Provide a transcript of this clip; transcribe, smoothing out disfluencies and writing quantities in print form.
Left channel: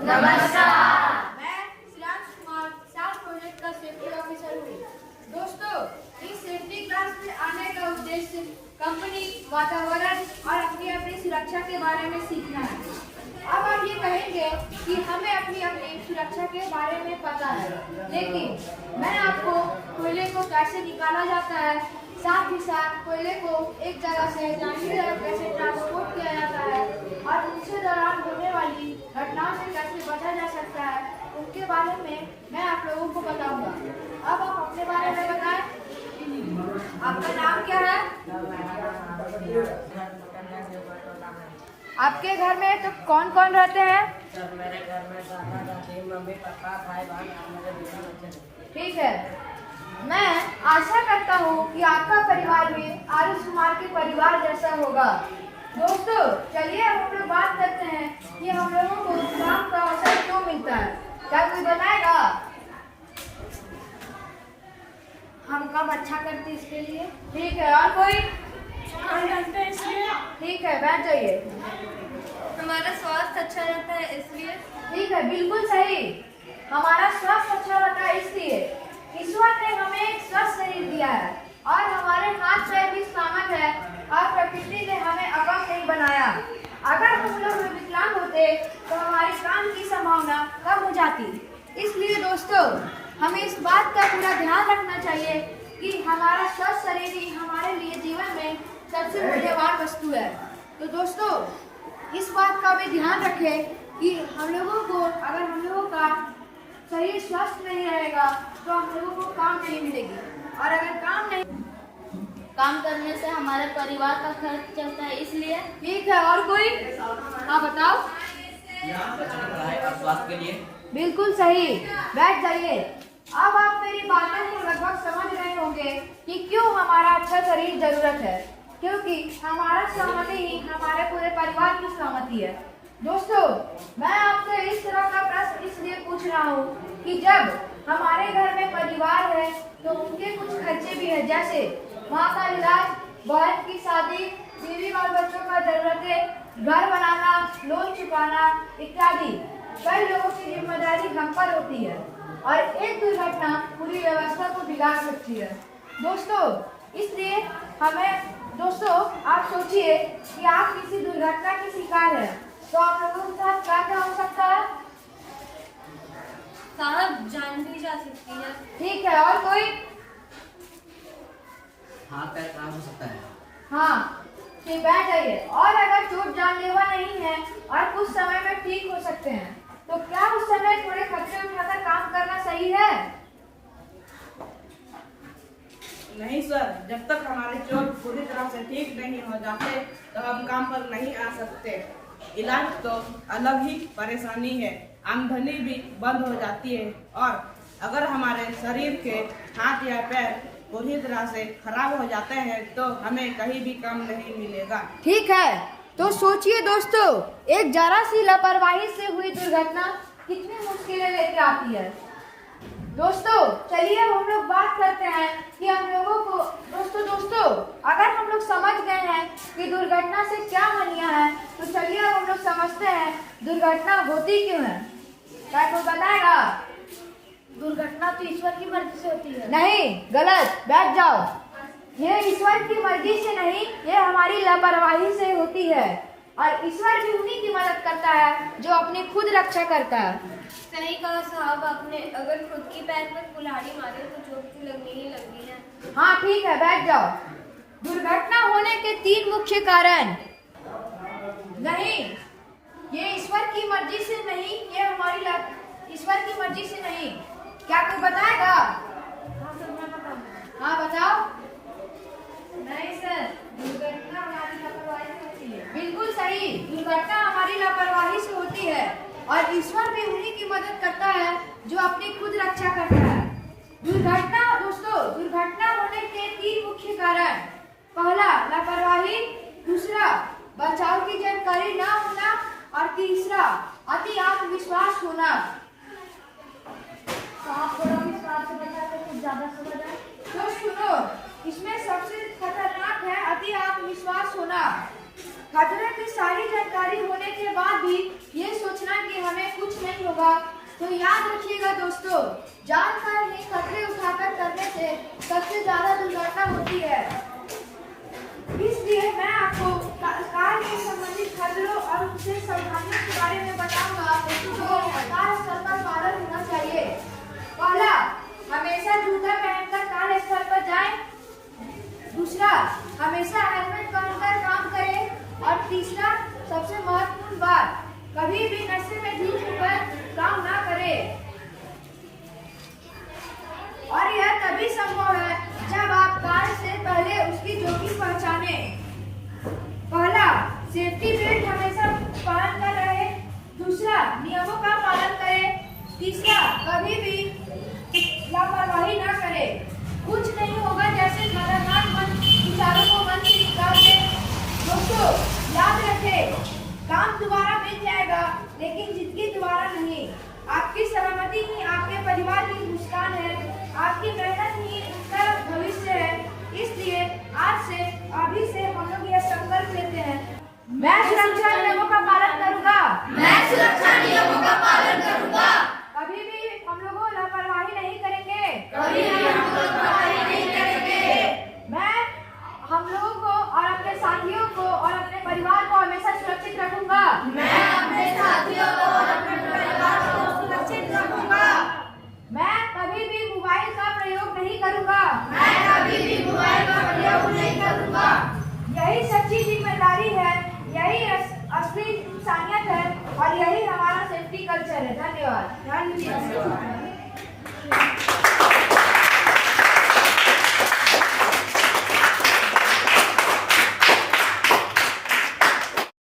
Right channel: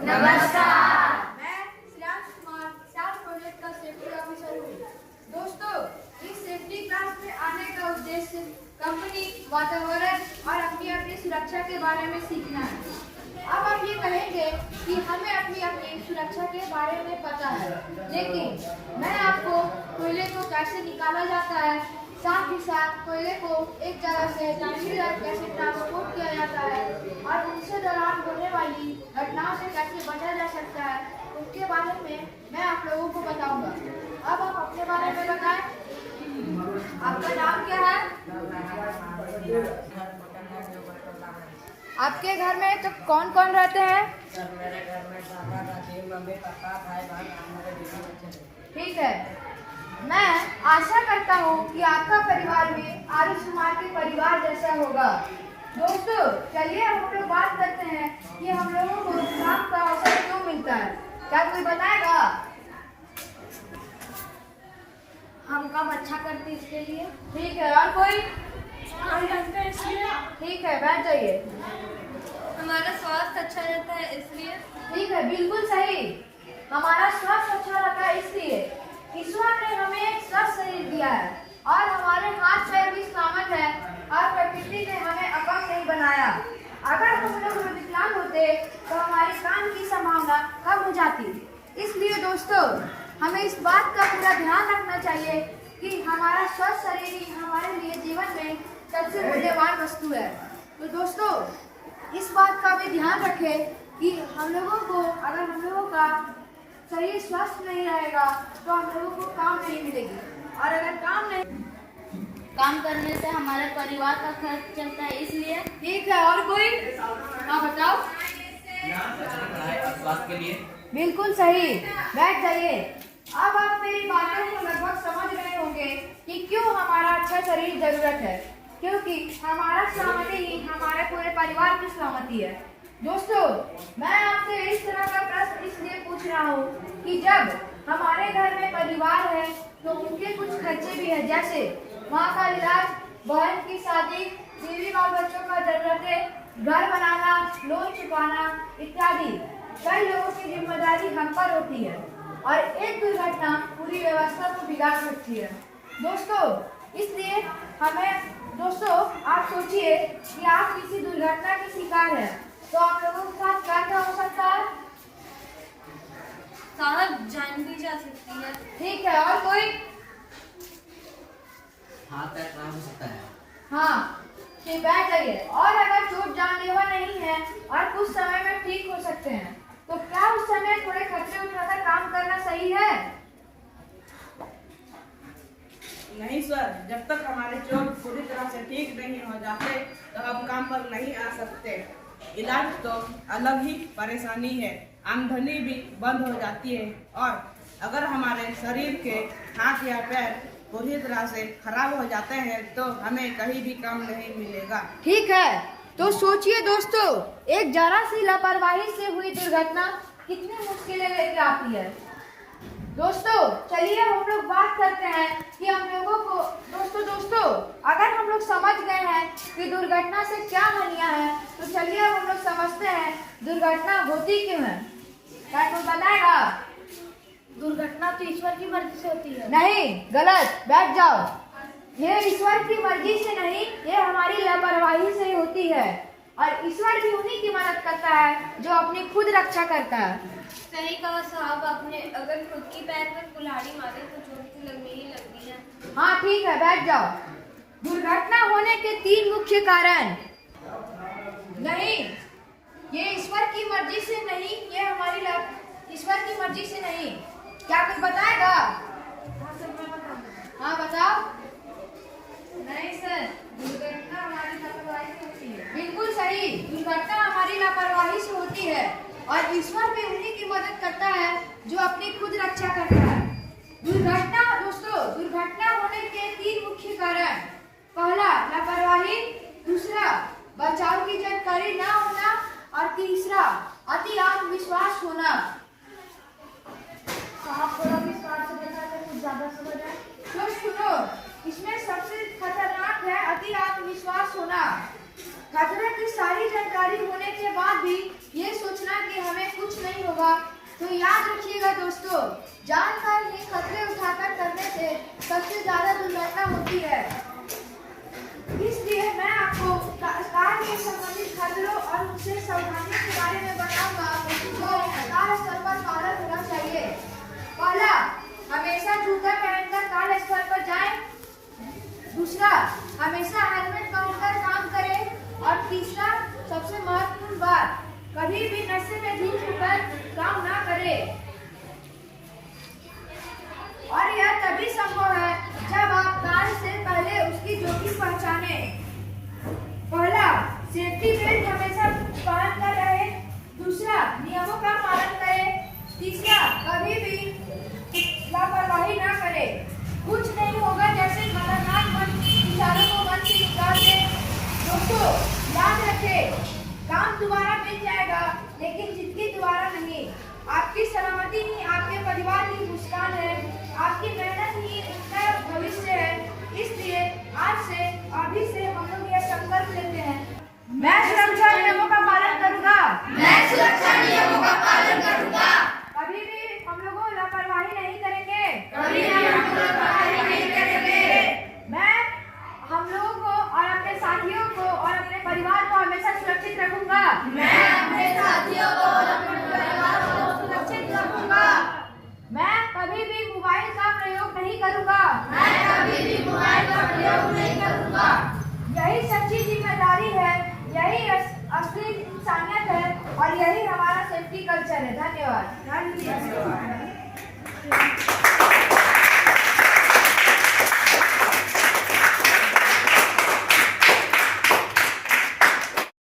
नमस्कार। मैं श्रेयांश कुमार सात प्रोजेक्ट का सेफ्टी ऑफिसर हूँ। दोस्तों, इस सेफ्टी क्लास में आने का उद्देश्य कंपनी, वातावरण और अपनी सुरक्षा के बारे में सीखना है। अब आप ये कहेंगे कि हमें अपनी सुरक्षा के बारे में पता है, लेकिन मैं आपको कोयले को कैसे निकाला जाता है, साथ ही साथ कोयले को एक जगह से दूसरी जगह कैसे ट्रांसपोर्ट किया जाता है और उनसे दौरान होने वाली घटनाओं से कैसे बचा जा सकता है, उसके बारे में मैं आप लोगों को बताऊंगा। अब आप अपने बारे में बताएं। आपका नाम क्या है? आपके घर में तो कौन कौन रहते हैं? सर, मेरे घर में दादा दादी मम्मी पापा भाई बहन और मेरे बीवी बच्चे। ठीक है। मैं आशा करता हूँ कि आपका परिवार भी आरुष कुमार के परिवार जैसा होगा। दोस्तों, चलिए हम लोग बात करते हैं कि हम लोगों को काम का अवसर क्यों मिलता है। क्या कोई बताएगा? हम कब अच्छा करते इसके लिए। ठीक है, और कोई? हम जानते हैं इसलिए। ठीक है, बैठ जाइए। हमारा स्वास्थ्य अच्छा रहता है इसलिए। ठीक है, बिल्कुल सही। हमारा स्वास्थ्य अच्छा रहता है इसलिए। ईश्वर ने हमें एक स्वस्थ शरीर दिया है और हमारे हाथ पैर भी सलामत है और प्रकृति ने हमें अपंग नहीं बनाया। अगर हम लोग विकलांग होते तो हमारे काम की संभावना कम हो जाती। इसलिए दोस्तों, हमें इस बात का पूरा ध्यान रखना चाहिए कि हमारा स्वस्थ शरीर ही हमारे लिए जीवन में सबसे मूल्यवान वस्तु है। तो दोस्तों, इस बात का भी ध्यान रखें कि हम लोगों को, अगर हम लोगों का शरीर स्वस्थ नहीं रहेगा तो हम लोगों को काम नहीं मिलेगी, और अगर काम करने से हमारे परिवार का खर्च चलता है इसलिए। ठीक है, और कोई? हाँ, बताओ। और स्वास्थ्य के लिए। बिल्कुल सही। बैठ जाइए। अब आप मेरी बातों को लगभग समझ रहे होंगे कि क्यों हमारा अच्छा शरीर जरूरत है, क्योंकि हमारा सलामती ही हमारे पूरे परिवार की सलामती है। दोस्तों, मैं आपसे इस तरह का प्रश्न इसलिए पूछ रहा हूँ कि जब हमारे घर में परिवार है तो उनके कुछ खर्चे भी है, जैसे माँ का इलाज, बहन की शादी, बीवी और बच्चों का जरूरतें, घर बनाना, लोन चुकाना इत्यादि। कई लोगों की जिम्मेदारी हम पर होती है और एक दुर्घटना पूरी व्यवस्था को बिगाड़ सकती है। दोस्तों, इसलिए दोस्तों, आप सोचिए कि आप किसी दुर्घटना के शिकार हैं तो आप लोगों के साथ क्या क्या हो सकता है? साहब, जान भी जा सकती है। ठीक है, और कोई? हाथ पैर काम हो सकता है। हाँ, ठीक, बैठ जाइए। और अगर चोट जानलेवा नहीं है और कुछ समय में ठीक हो सकते हैं तो क्या उस समय थोड़े खर्चे उठाकर काम करना सही है? नहीं सर, जब तक हमारे चोट पूरी तरह से ठीक नहीं हो जाते तो हम काम पर नहीं आ सकते। इलाज तो अलग ही परेशानी है, आमदनी भी बंद हो जाती है और अगर हमारे शरीर के हाथ या पैर पूरी तरह से खराब हो जाते हैं तो हमें कहीं भी काम नहीं मिलेगा। ठीक है, तो सोचिए दोस्तों, एक जरा सी लापरवाही से हुई दुर्घटना कितनी मुश्किलें लेकर आती है। दोस्तों, चलिए हम लोग बात करते हैं कि हम लोगों को दोस्तों अगर हम लोग समझ गए हैं कि दुर्घटना से क्या हानियां हैं तो चलिए अब हम लोग समझते हैं दुर्घटना होती क्यों है। क्या कोई बताएगा? दुर्घटना तो ईश्वर की मर्जी से होती है। नहीं, गलत। बैठ जाओ। ये ईश्वर की मर्जी से नहीं, ये हमारी लापरवाही से होती है और ईश्वर भी उन्हीं की मदद करता है जो अपनी खुद रक्षा करता है। सही कहा साहब आपने। अगर खुद की पैर पर कुल्हाड़ी मारे तो चोट की लगनी ही लगनी है। हाँ, ठीक है, बैठ जाओ। दुर्घटना होने के 3 मुख्य कारण। नहीं, ये ईश्वर की मर्जी से नहीं, ये हमारी ईश्वर की मर्जी से नहीं। क्या कोई बताएगा? हाँ सर, मैं बताऊंगा। हाँ, बताओ। नहीं सर, दुर्घटना हमारी लापरवाही से होती है। बिल्कुल सही। दुर्घटना हमारी लापरवाही से होती है और ईश्वर भी उन्हीं की मदद करता है जो अपनी खुद रक्षा करता है। दुर्घटना होने के 3 मुख्य कारण। पहला, लापरवाही। दूसरा, बचाव की जानकारी न होना। और तीसरा, अति आत्मविश्वास होना। साहब, थोड़ा विस्तार से बताते कुछ ज्यादा समझ आए। तो सुनो, इसमें सबसे खतरनाक है अति आत्मविश्वास होना। खतरे की सारी जानकारी होने के बाद भी ये सोचना कि हमें कुछ नहीं याद रखिएगा दोस्तों, जान का ही खतरे उठाकर करने से सबसे ज्यादा दुर्घटना होती है। इसलिए मैं आपको कार के संबंधित खतरों और उनसे सावधानियों के बारे में बताऊंगा जो कार स्थल पर पालन होना चाहिए। पहला, हमेशा जूता पहनकर कार्यस्थल पर जाएं। दूसरा, हमेशा हेलमेट पहनकर काम करें। और तीसरा, सबसे महत्वपूर्ण बात, कभी भी नशे में धुत होकर काम ना करें। और यह तभी संभव है जब आप कार से पहले उसकी जोखिम पहचाने। पहला, सेफ्टी बेल्ट हमेशा पहन कर रहे। दूसरा, नियमों का पालन करें। तीसरा, कभी भी लापरवाही ना करें। कुछ नहीं होगा जैसे खतरनाक इशारों को मन से निकाल दे। दोस्तों याद रखें, काम दोबारा मिल जाएगा लेकिन जिंदगी दोबारा नहीं। आपकी सलामती ही आपके परिवार की मुस्कान है, आपकी मेहनत ही उनका भविष्य है। इसलिए आज से अभी से हम लोग यह संकल्प लेते हैं, मैं सुरक्षा नियमों का पालन करूंगा। मैं सुरक्षा नियमों का पालन करूंगा। कभी भी हम लोगों लापरवाही नहीं करेंगे। कभी भी हम लापरवाही नहीं करेंगे। मैं हम लोगों को और अपने साथियों को और अपने परिवार को हमेशा सुरक्षित रखूंगा। मैं अपने साथियों को और अपने परिवार को सुरक्षित रखूंगा। मैं कभी भी मोबाइल का प्रयोग नहीं करूंगा। मैं कभी भी मोबाइल का प्रयोग नहीं करूंगा। यही सच्ची जिम्मेदारी है, यही असली इंसानियत है और यही हमारा सेफ्टी कल्चर है। धन्यवाद।